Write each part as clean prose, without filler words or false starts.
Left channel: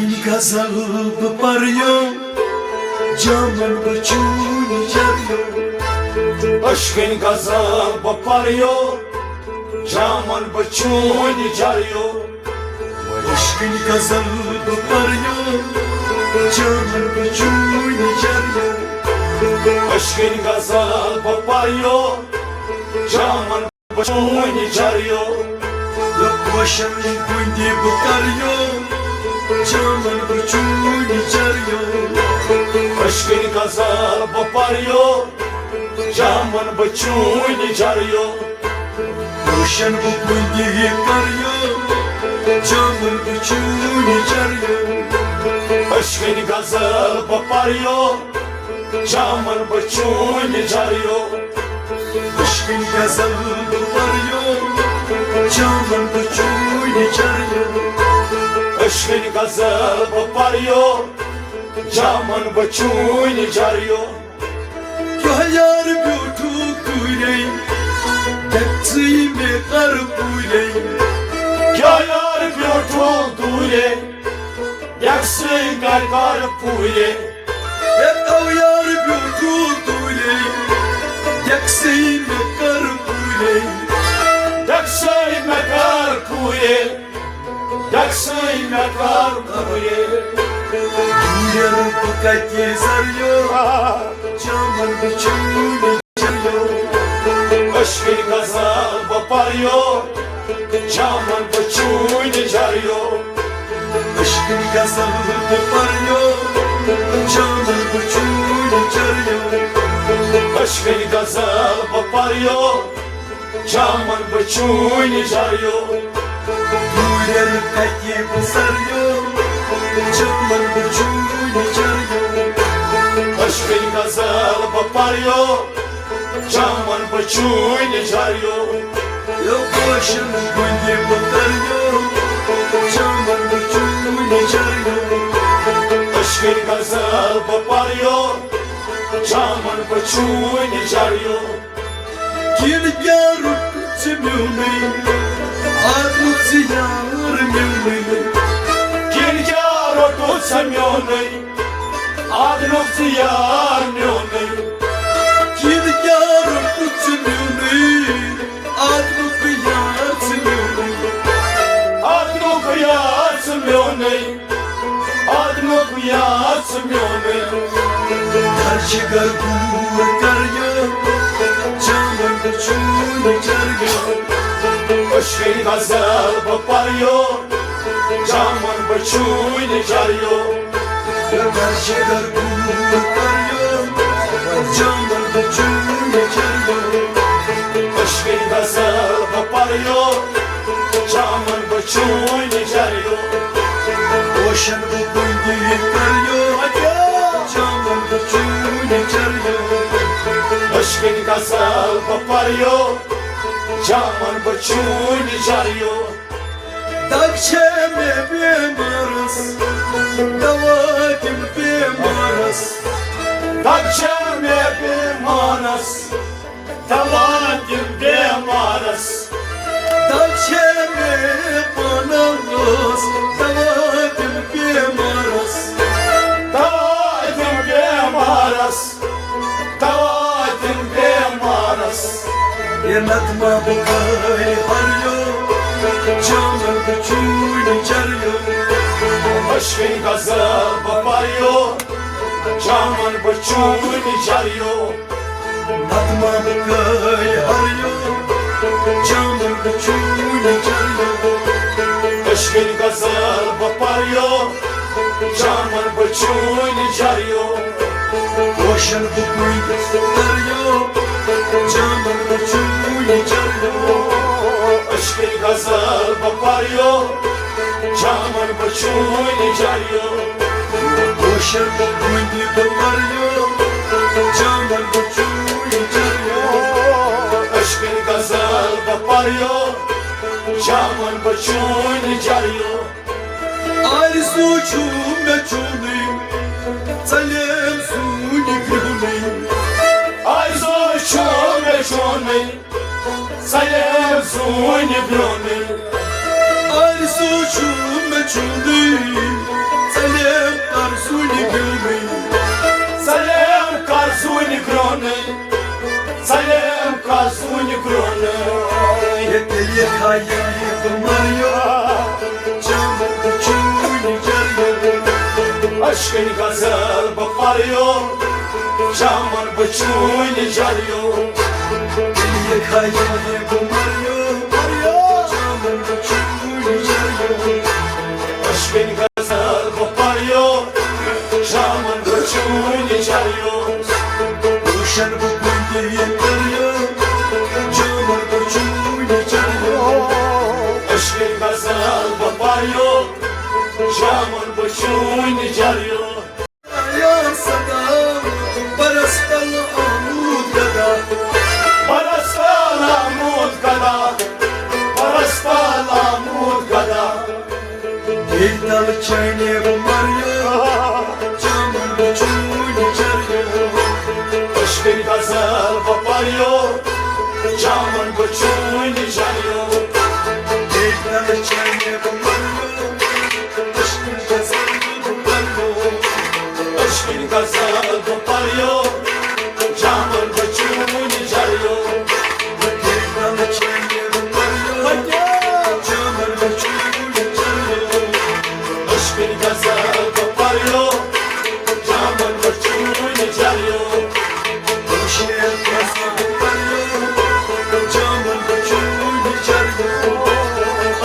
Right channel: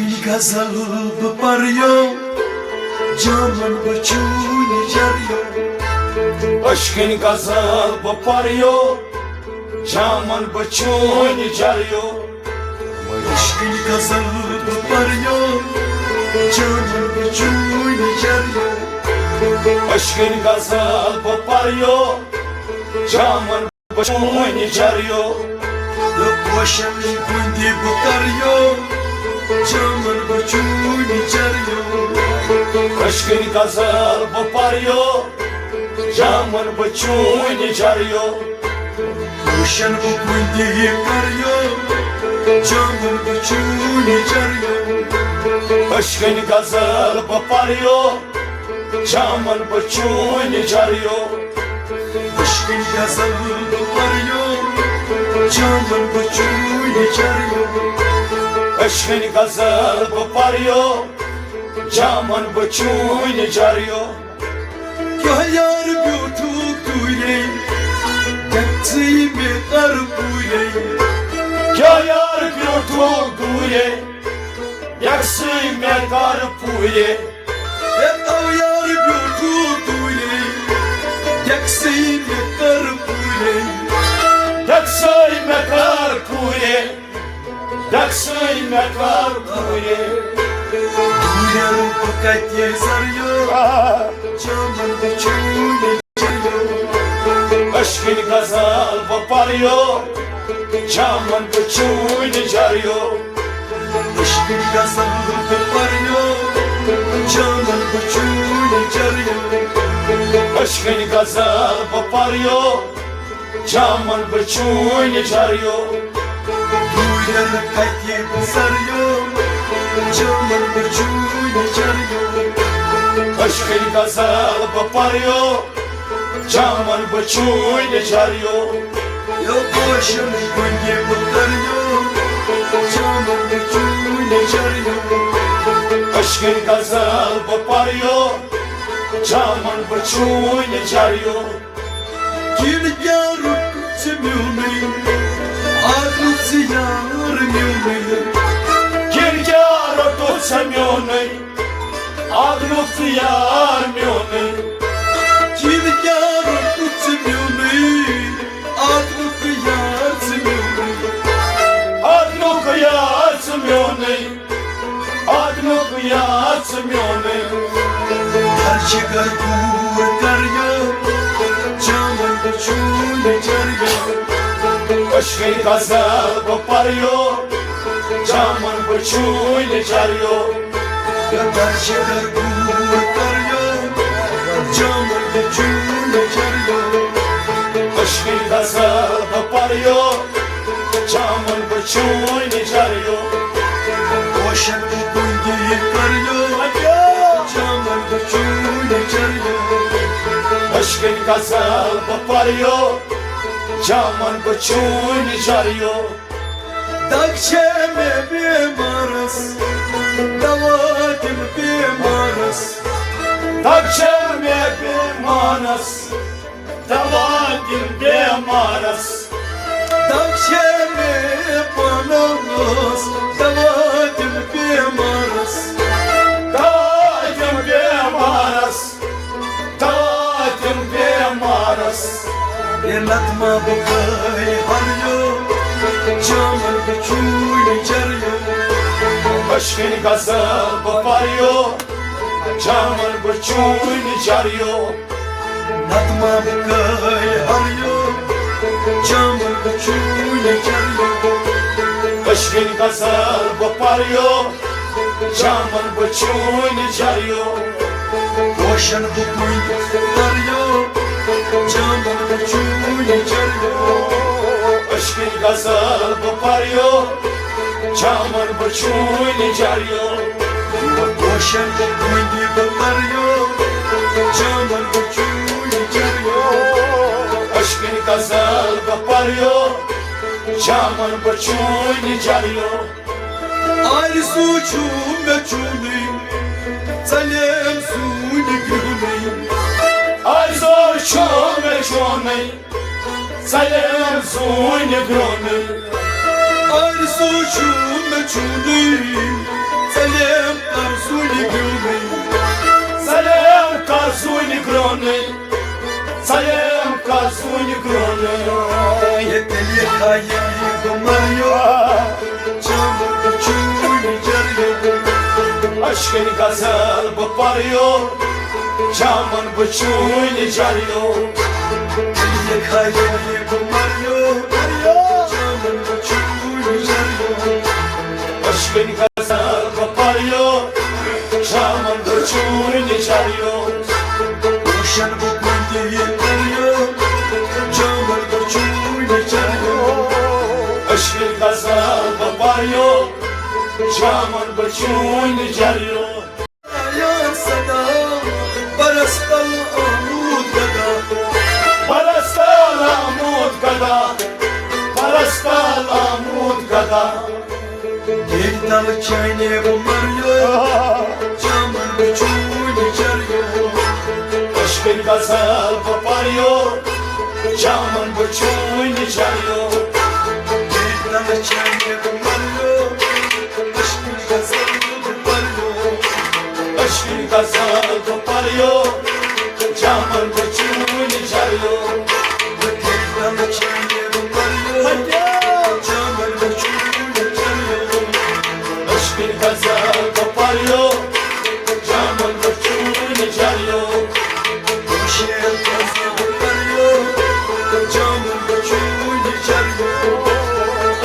Aşkın gazabı parıyor, camın başını yarıyor. Aşkın gazabı parıyor, camın başını yarıyor. Aşkın gazabı parıyor, camın başını yarıyor. Aşkın gazabı parıyor, camın başını yarıyor. Yok başım kundi bukarıyor, camın başını yarıyor. Aşkın gazabı parıyor, camın başını yarıyor. Başım kundi bukarıyor, camın başını yarıyor. Aşkın gazabı parıyor, camın başını yarıyor. Aşkın gazabı parıyor, camın başını yarıyor. Aşkın gazabı parıyor, camın başını yarıyor. Ya yar butuk duyley, yaktığımı kar buyley. Ya yar biotul duye, yaksın kar puye. Ya yar butuk duyley, yaktığımı kar buyley. Yaksın kar puye, yaksın kar puye. Yarım fakat yazarıyor, camın başını yarıyor. Aşkın gazabı parıyor, camın başını yarıyor. Aşkın gazabı parıyor, camın başını yarıyor. Aşkın gazabı parıyor, camın başını yarıyor. Yarım fakat yazarıyor, camın başını yarıyor. Aşkın gazabı parıyor, camın başını yarıyor. Yok başım kundi bukarıyor, camın başını yarıyor. Aşkın gazabı parıyor, camın başını yarıyor. Gel yarım çemiyonu, ağrıp ziyarmıyonu. Gel yaro to semyone, adnok ziyarmyone. Gel yarım çemiyonu, ağrıp ziyarmıyonu. Adnok yatsmyone, adnok yatsmyone. Her çıkar kurtarıyor, camın başını yarıyor. Aşkın gazabı parıyor, camın başını yarıyor. Her çıkar kurtarıyor, camın başını yarıyor. Aşkın gazabı parıyor, camın başını yarıyor. Boşan bu kundi yıkarıyor, camın başını yarıyor. Aşkın gazabı parıyor, camın başını yarıyor. Dakçeme bimaras, davatim bimaras. Dakçame bir manas, dalatim bir maras. Dakçeme bimaras, davatim bimaras. Dalatim bir maras, dalatim bir maras. Yanatma bu kay harıyor, camın başını yarıyor. Aşkın gazabı parıyor, camın başını yarıyor. Yanatma bu kay harıyor, camın başını yarıyor. Aşkın gazabı parıyor, camın başını yarıyor. Boşan bu kundi tutarıyor, camın başını yarıyor. Aşkın gazabı parıyor, camın başını yarıyor. Boşan bu kundi tutarıyor, camın başını yarıyor. Aşkın gazabı parıyor, camın başını yarıyor. Arzu çume çuneyim, salem suni güleyim. Arzu çome çome, sayem suni gönül. Arzu çume çuneyim, Aşkın gazal koparıyor, camın bıçağıyla geliyor. Dille kayboldu kumarıyor, camın uçuyla geliyor. Aşkın gazal koparıyor, camın bıçağıyla geliyor. Uşan bu boyda yetmiyor, camın uçuyla geliyor. Aşkın gazal koparıyor, camın bıçağıyla geliyor. Ya sana parastal amut gada, Parastal amut gada, parastal amut gada. bir dal çayne kumarıyor, camın uçuyla geliyor. Aşkın gazal koparıyor, camın bıçağıyla geliyor. Bir dal çayne kumarıyor, aşkın gazal kumarıyor. Aşkın gazal koparıyor, camın bıçağıyla geliyor. Bir dal çayne kumarıyor, camın uçuyla geliyor. Aşkın gazal koparıyor, camın bıçağıyla geliyor. Şehir kese kumarıyor, camın uçuyla geliyor.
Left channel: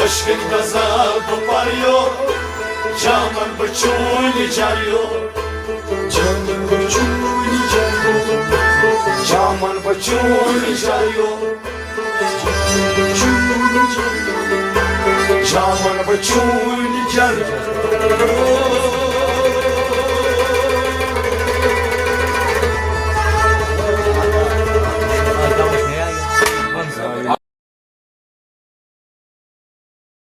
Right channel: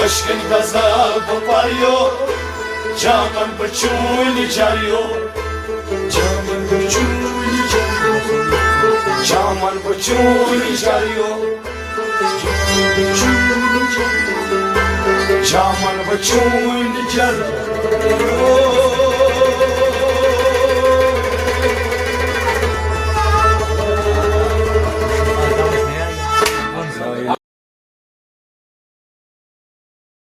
Aşkın gazal koparıyor, camın bıçağıyla geliyor. Camın uçuyla geliyor. Camın bıçağıyla geliyor. Camın bıçağıyla geliyor.